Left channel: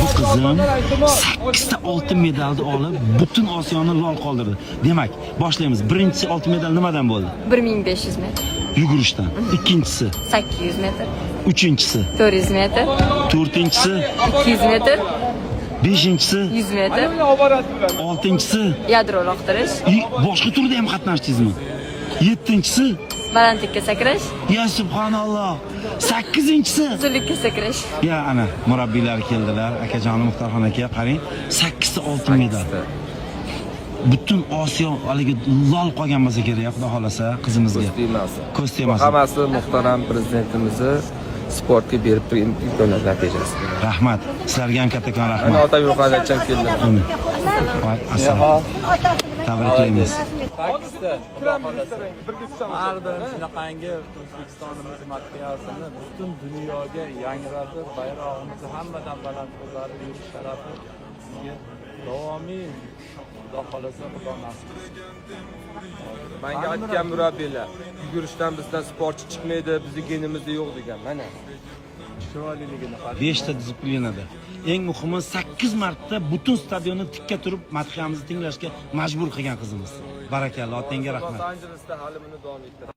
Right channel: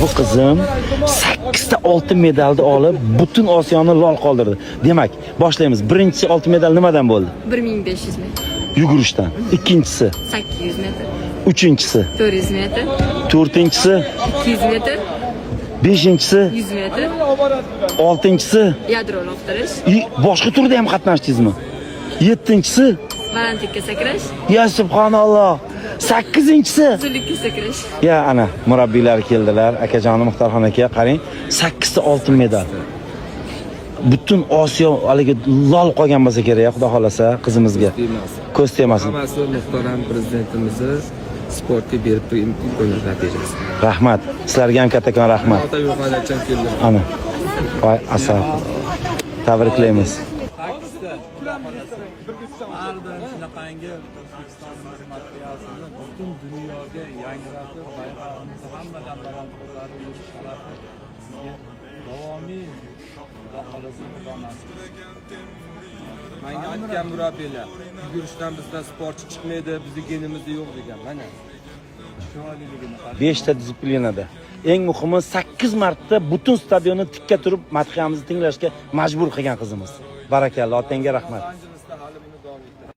Bu qizim 8 ta oltin medalni olib, butun Osiyoni lol qoldirdi. Demak, boshlaymiz. Birinchi oltin medal nimadan bo'ldi? 1500 metr. Yugurishdan. Ikkinchisi 800 metr. uchinchisi 400 metr. to'rtinchisi 200 metr. beshinchisi 100 metr. oltinchisi Yadro uloqtirish. boshqa turda ham qatnashdingizmi? Yettinchisi Balandlikka sakrash. ya subhanalloh. Sakkizinchisi Uzunlikka sakrash. ya ana murabbiylar keldilar. Akajonim Muxtorxon aka, qarang, 8 ta oltin medal. Butun Osiyo haligi lol qolgan bo'lsa kerak, xudo xolasa qizimizga. Ko'z tegmasin. Hammasi muhtaram prezidentimizni sportga berib imkoniyat natijasi. Rahmat. Sizlarga ham kattakon rahmat. Ota yo'qolacham keldi. Amin. Assalomu. Tabriklaymiz. Ardın shunaqangi O'zbekistonimiz materialini butun dunyoga yangratib, bayrog'imizni hammadan baland qo'llarib yurish sharafi bizga davomiy Xudo xolasa Xudo nasib etsin. Menga aytgan murabbiylar, yugurishdan bizdan sportchi chiqmaydi, bizning genimizda yo'q degan. Mana Chiroyliligini 5 ta disiplinada. Eng muhimi 8 marta butun stadionni tikka turib madhiyamizni tinglashga majbur qilgan qizimiz. Barakalloh, otangga rahmat. Los-Anjelesda hali buni davom ettiradi.